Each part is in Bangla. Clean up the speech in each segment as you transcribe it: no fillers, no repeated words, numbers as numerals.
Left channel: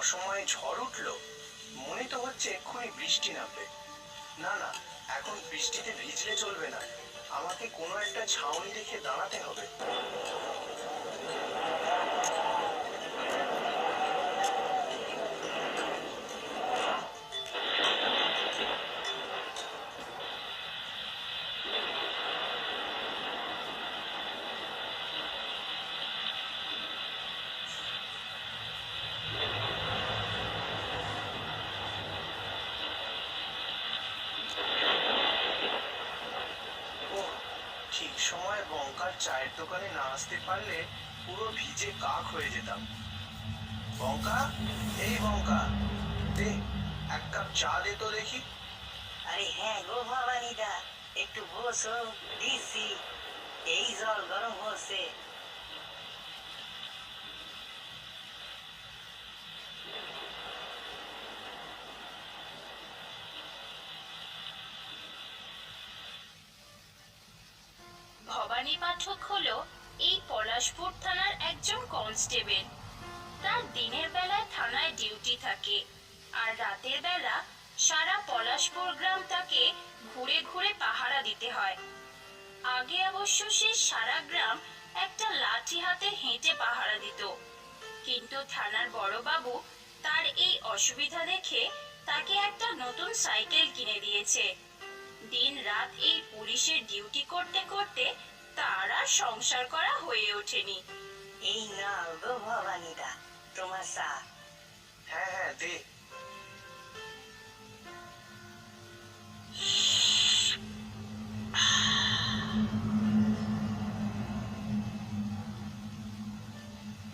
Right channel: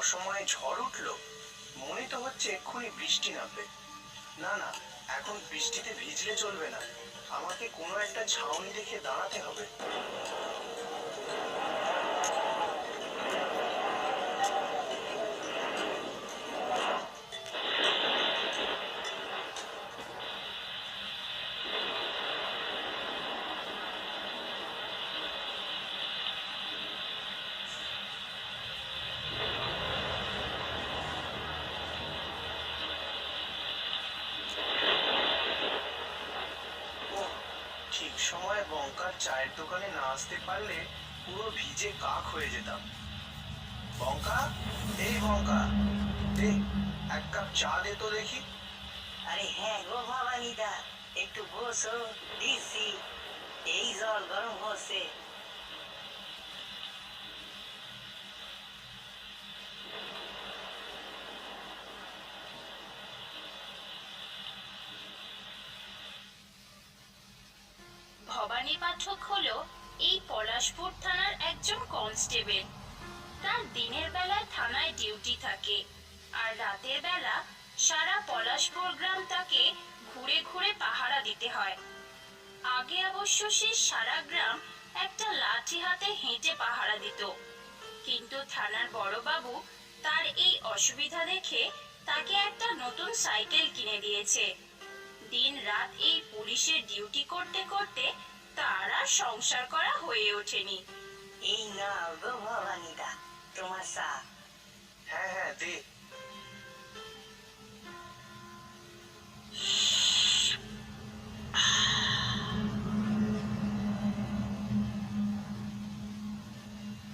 অসময়ে ঝড় উঠলো, মনে তো হচ্ছে এক্ষুনি বৃষ্টি নামবে। না না, এখন বৃষ্টিতে ভিজলে চলবে না, আমাকে কোনো একটা ছাউনি দেখে দাঁড়াতে হবে। ঠিক সময়ে বঙ্কার চায়ের দোকানে না আসতে পারলে পুরো ভিজে কাক হয়ে যেতাম। বঙ্কা, এই বঙ্কা, দে এক কাপ চা দে তো দেখি। আরে হ্যাঁ গো ভবানীদা, একটু বসো, দিচ্ছি। এই জল গরম হচ্ছে। ভবানী পাঠক হলো এই পলাশপুর থানার একজন কনস্টেবল। তার দিনের বেলায় থানায় ডিউটি থাকে, আর রাতের বেলা সারা পলাশপুর গ্রাম তাকে ঘুরে ঘুরে পাহারা দিতে হয়। আগে অবশ্য সে সারা গ্রাম একটা লাঠি হাতে হেঁটে পাহারা দিত, কিন্তু থানার বড়বাবু তার এই অসুবিধা দেখে তাকে একটা নতুন সাইকেল কিনে দিয়েছে। দিন রাত এই পুলিশের ডিউটি করতে করতে তার আর সংসার করা হয়ে ওঠেনি। এই নাও গো ভবানীদা, তোমার চা। হ্যাঁ হ্যাঁ দে।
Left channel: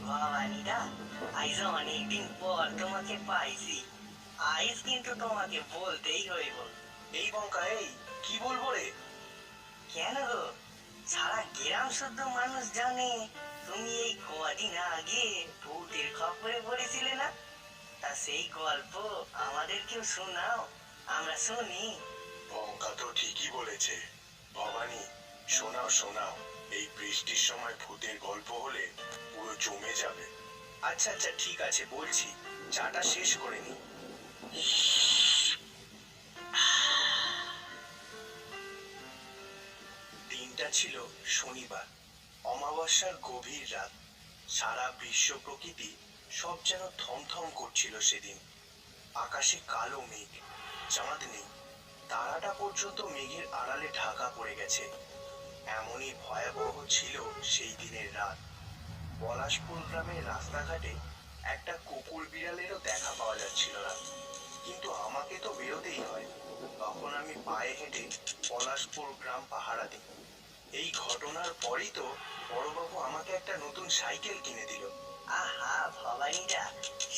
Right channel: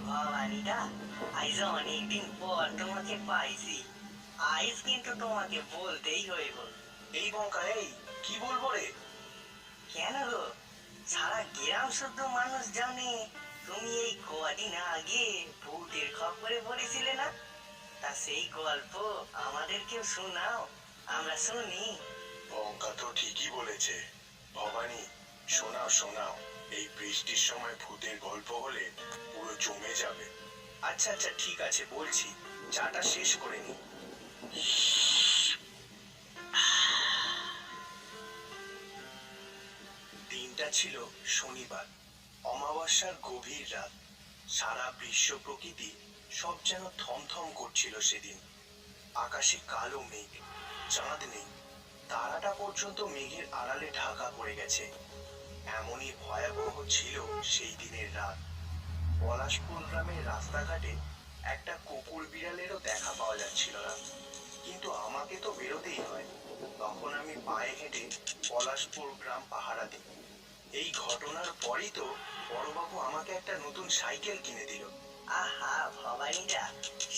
ভবানীদা, আজ অনেকদিন পর তোমাকে পাইছি। আজ কিন্তু তোমাকে বলতেই হইব। এই বঙ্কা, এই কি বলবো রে? কেন গো, সারা গ্রাম শুদ্ধ মানুষ জানে তুমি এই কদিন আগে ভূতের খবরে পড়েছিলে না? তা সেই গল্প আমাদেরকেও শোনাও, আমরা শুনি। বঙ্কা তো ঠিকই বলেছে। ভবানী, শোনাও শোনাও, এই বৃষ্টির সময় ভূতের গল্প হলে পুরো জমে যাবে। আচ্ছা আচ্ছা ঠিক আছে, বলছি, চাটা শেষ করে নি। দিনটা ছিল শনিবার, অমাবস্যার গভীর রাত। সারা বিশ্ব প্রকৃতি সব যেন থমথম করছিল সেদিন। আকাশে কালো মেঘ, চাঁদ নেই, তারাটা পর্যন্ত মেঘের আড়ালে ঢাকা পড়ে গেছে। এমনই ভয়াবহ ছিল সেই দিনের রাত। পলাশপুর গ্রামের রাস্তাঘাটে একটা কুকুর বিড়ালেরও দেখা পাওয়া যাচ্ছিল না, কিন্তু আমাকে তো বেরোতেই হয়। তখন আমি পায়ে হেঁটে পলাশপুর গ্রাম পাহারা দিই। এই ঘটনার পরই তো বড়বাবু আমাকে একটা নতুন সাইকেল কিনে দিল। আহা ভবানীদা,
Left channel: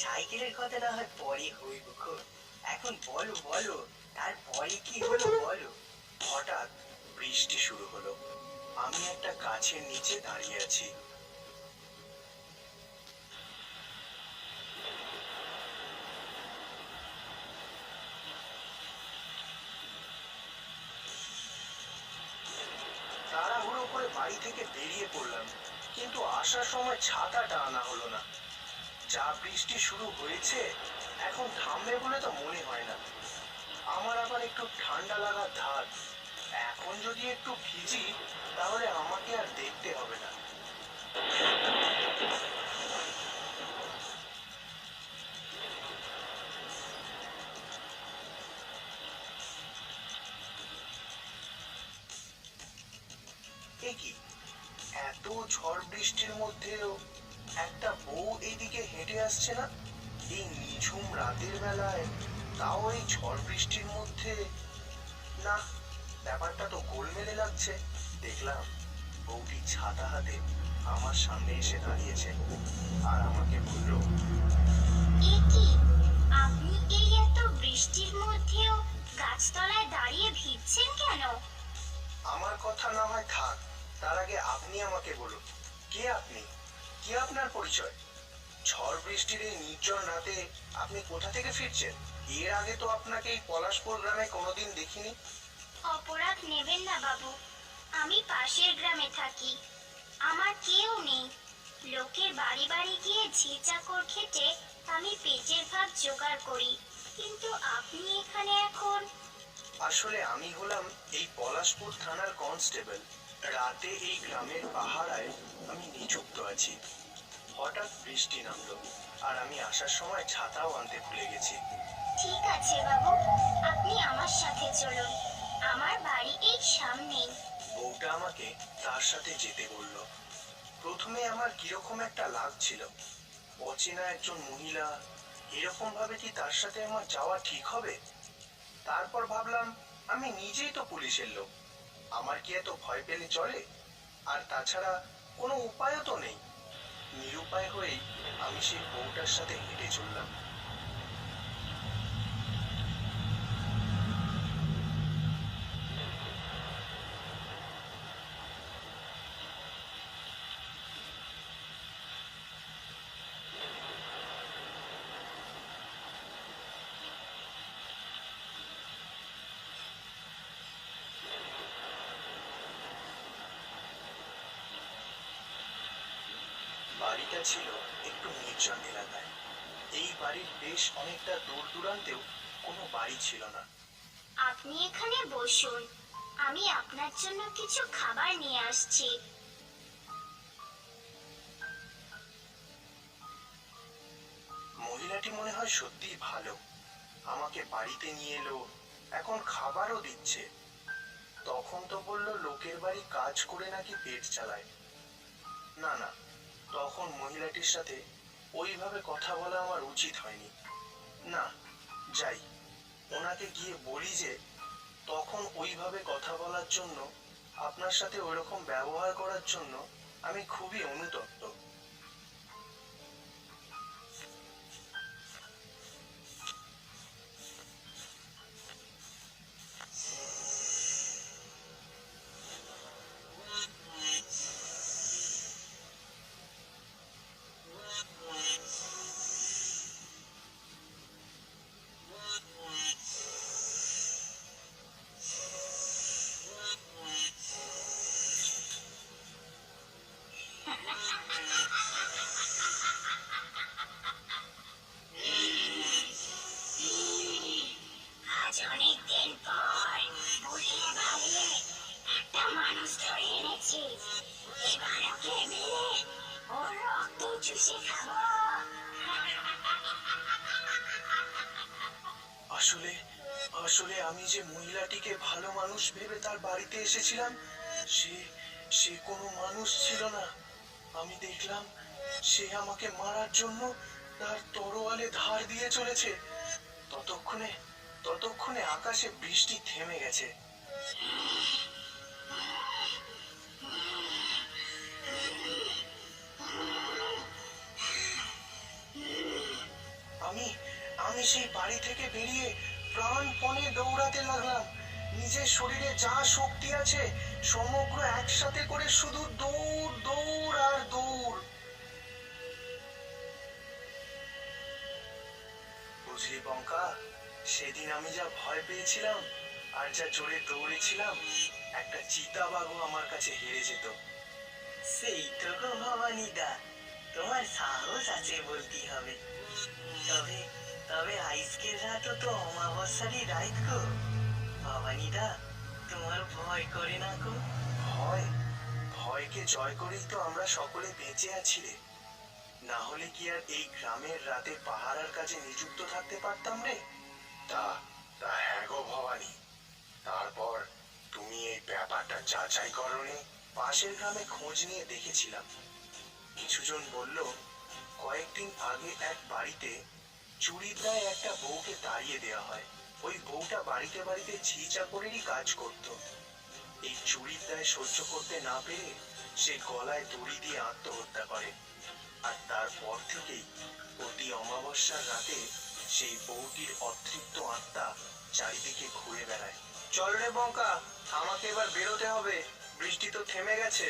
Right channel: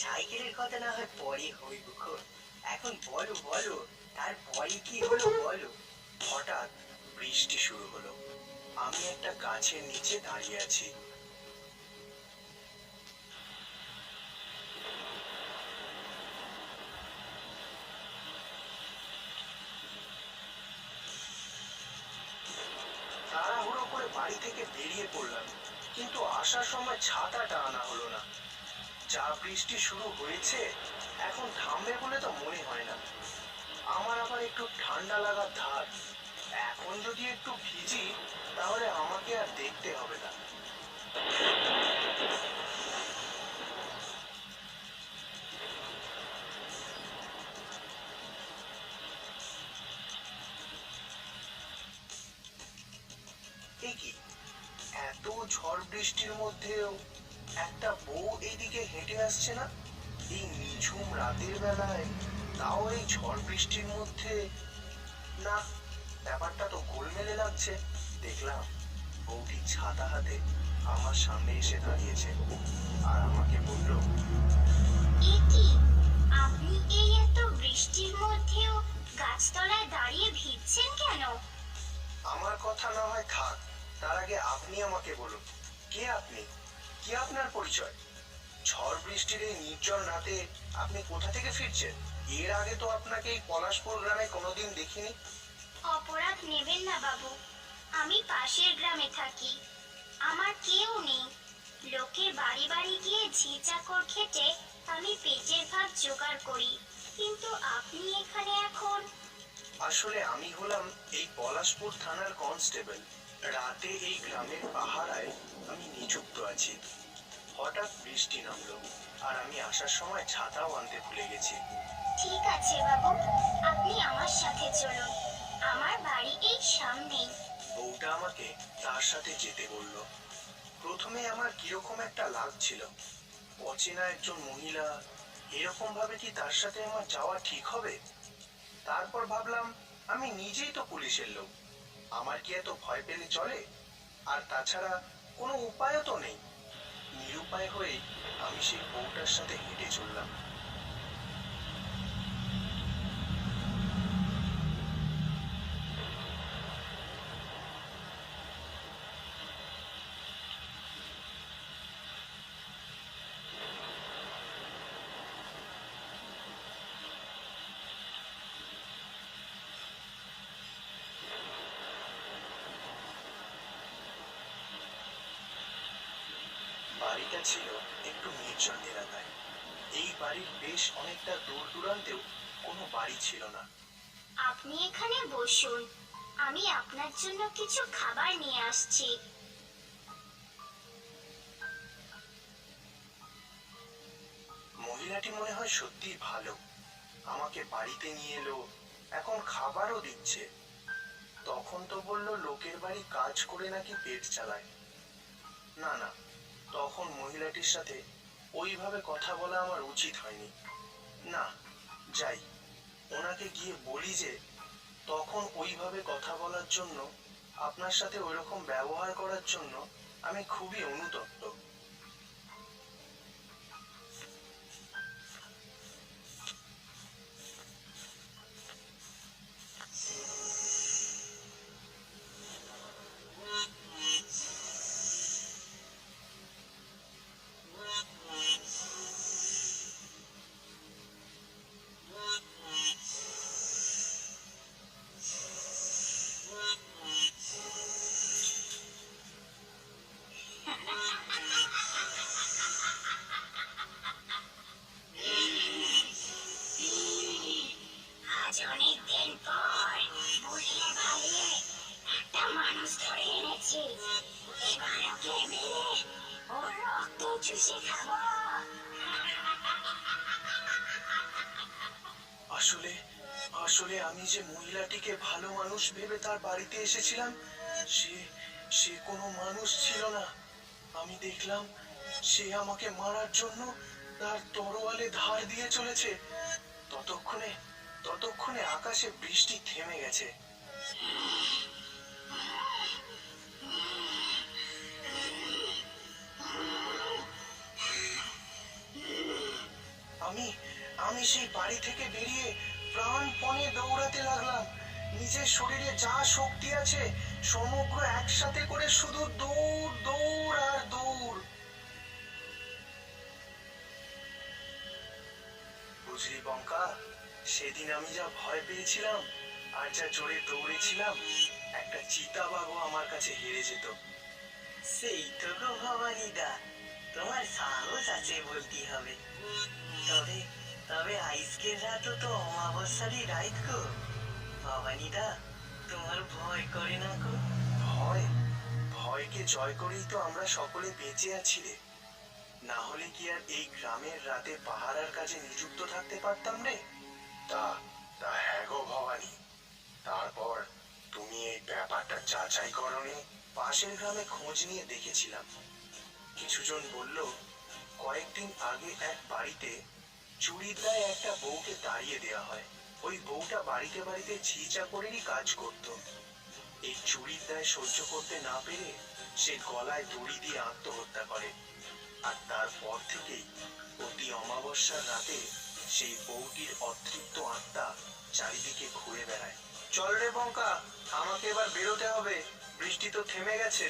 সাইকেলের কথা না হয় পরে হইব, এখন বলো বলো, তারপরে কি হলো বলো। হঠাৎ বৃষ্টি শুরু হলো। আমি একটা গাছের নিচে দাঁড়িয়ে আছি। তাড়াহুড়ো করে বাড়ি থেকে বেরিয়ে পড়লাম, কিন্তু আসার সময় ছাতাটা আনা হলো না। যা বৃষ্টি শুরু হয়েছে, এখন থামবে বলে তো মনে হয় না। আমার আবার একটু ঠান্ডা লাগার ধার। এখন যদি একটু ভিজি, তাহলে আমাকে আর দেখতে হবে না। এ কি, এত ঝড় বৃষ্টির মধ্যেও একটা বউ এইদিকে হেঁটে আসছে না? এই নিঝুম রাতের বেলায়, তাও এই ঝড় বৃষ্টির মধ্যে? না, ব্যাপারটা তো গোলমেলে লাগছে। দেখলাম বউটি ছাতা হাতে আমার সামনে এসে দাঁড়িয়েছে, আর আমাকে বলল, এ কি, আপনি এই এত বৃষ্টির মধ্যেও গাছতলায় দাঁড়িয়ে ভিজছেন কেন? আমার কথা না হয় থাক, তার আগে আপনি আমাকে বলুন, কে আপনি? কি আপনার পরিচয়? ঝড় বৃষ্টির এই নির্জন রাতে আপনি কোথা থেকে ফিরছেন? এর আগে তো আপনাকে এই পলাশপুর গ্রামে কোনোদিন দেখিনি। অপরাধ নেবেন না বাবু, আমি পাশের গ্রামে থাকি। আমার কেউ নেই। লোকের বাড়ি বাড়ি গিয়ে ঝি চাকর খেটে আমি পেটের ভাত জোগাড় করি, কিন্তু আপনি এখানে এখন? আসলে আমি হলাম এই পলাশপুর থানার কনস্টেবল। রাতে এই গ্রামের পাহারায় আমি নিযুক্ত আছি। হঠাৎ বৃষ্টি নামলো, আর আমি আসার সময় ছাতাও আনতে ভুলে গেছি। ঠিক আছে বাবু, আপনি আমার সাথে চলুন, আমার বাড়ি এই সামনেই। বউটা আমাকে তার সাথে যেতে বলল। প্রথমে আমার কিরকম একটা লাগছিল, অচেনা একজন মহিলা, এরকম ভাবে কি তার সাথে আমার যাওয়া ঠিক হবে? তারপর ভাবলাম, আমি নিজেই তো পুলিশের লোক, আমার কি এত ভয় পেলে চলে? আর তাছাড়া কোনো উপায়ও তো নেই। নিরুপায় হয়েই আমি সেই বউটার সাথে হেঁটে চললাম। বাড়িটা ছিল একটু নির্জন এলাকায়। এই বাড়ির বেশ অনেকটা দূর দূরান্তেও কোনো বাড়ি ছিল না। আপনি এখানে বসুন, আমি আপনার জন্য কিছু খাবার নিয়ে আসছি। মহিলাটি মনে হয় সত্যিই ভালো, আমাকে বাড়িতে নিয়ে এলো, এখন খাবারও দিচ্ছে। তখন তো বললো লোকের বাড়ি কাজ করে নাকি পেট চালায়। না না, তখন মহিলাটির সাথে ওইভাবে কথা বলা আমার উচিত হয়নি। না, যাই, ওনাকে গিয়ে বলি যে তখন ওইভাবে কথা বলার জন্য, আপনার সাথে ওইরকম ব্যবহার করার জন্য আমি খুবই অনুতপ্ত। আজ অনেক দিন পর বুঝিয়ে ভালিয়ে একটা মানুষ ধরে এনেছি, এবার ওকে মেরে ওর রক্ত চুষে খাবো। আসলে আসলে আমি যে মহিলাটিকে ভালো মানুষ ভেবে তার বাড়িতে এসেছিলাম, সে সে কোনো মানুষ ছিল না। আমি দেখলাম সে আমাকে মারার জন্য তার তরোয়ালে ধার দিয়ে চলেছে। ততক্ষণে ততক্ষণে আকাশে বৃষ্টি থেমে গেছে। আমি আমি সেই বাড়ি থেকে বেরিয়ে প্রাণপণে দৌড়াতে লাগলাম। নিজের শরীরে যা শক্তি আছে সমগ্র একসাথে করে শুধু দৌড় দৌড় আর দৌড়। বুঝলি বঙ্কা, সেদিন আমি যা ভয় পেয়েছিলাম আর যা জোরে দৌড়েছিলাম, একটা চিতাবাঘও আমার কাছে হেরে যেত। সেই তো গো ভবানীদা, তোমার সাহস আছে বলতে হবে। তবে তবে আজকের রাতও তো অমাবস্যারই রাত গো। ভবানীদা, তোমার ভয় করে না গো? ভয়? ভয়কে জয় করেই তো আমরা সকলে বেঁচে আছি রে। না হলে কি আর এই গ্রামের রাতে পাহারার কাজে নিযুক্ত থাকতে পারতাম রে? তা তা হ্যাঁ গো ভবানী, তারপর তুমি এই ব্যাপারটা যাচাই করনি? পাশের গ্রামে খোঁজ নিয়ে দেখেছিলাম। কিছুজন বলল কয়েকদিন আগে এক বাড়িতে চুরির দায়ে একটা বউকে তাড়িয়ে দেওয়া হয়। ওই বউটা বাড়িতে বাড়িতে ঝি চাকরেরই কাজ করত। এই চুরির দায় সহ্য করতে না পেরে সে গলায় দড়ি দিয়ে আত্মহত্যা করে। আর তারপর থেকেই প্রতি অমাবস্যার রাতে সেই বউটির অতৃপ্ত আত্মা চারিদিকে ঘুরে বেড়ায়। চল রে বঙ্কা, আমাকে এবার বেরোতে হবে, বৃষ্টি তো থেমে গেছে।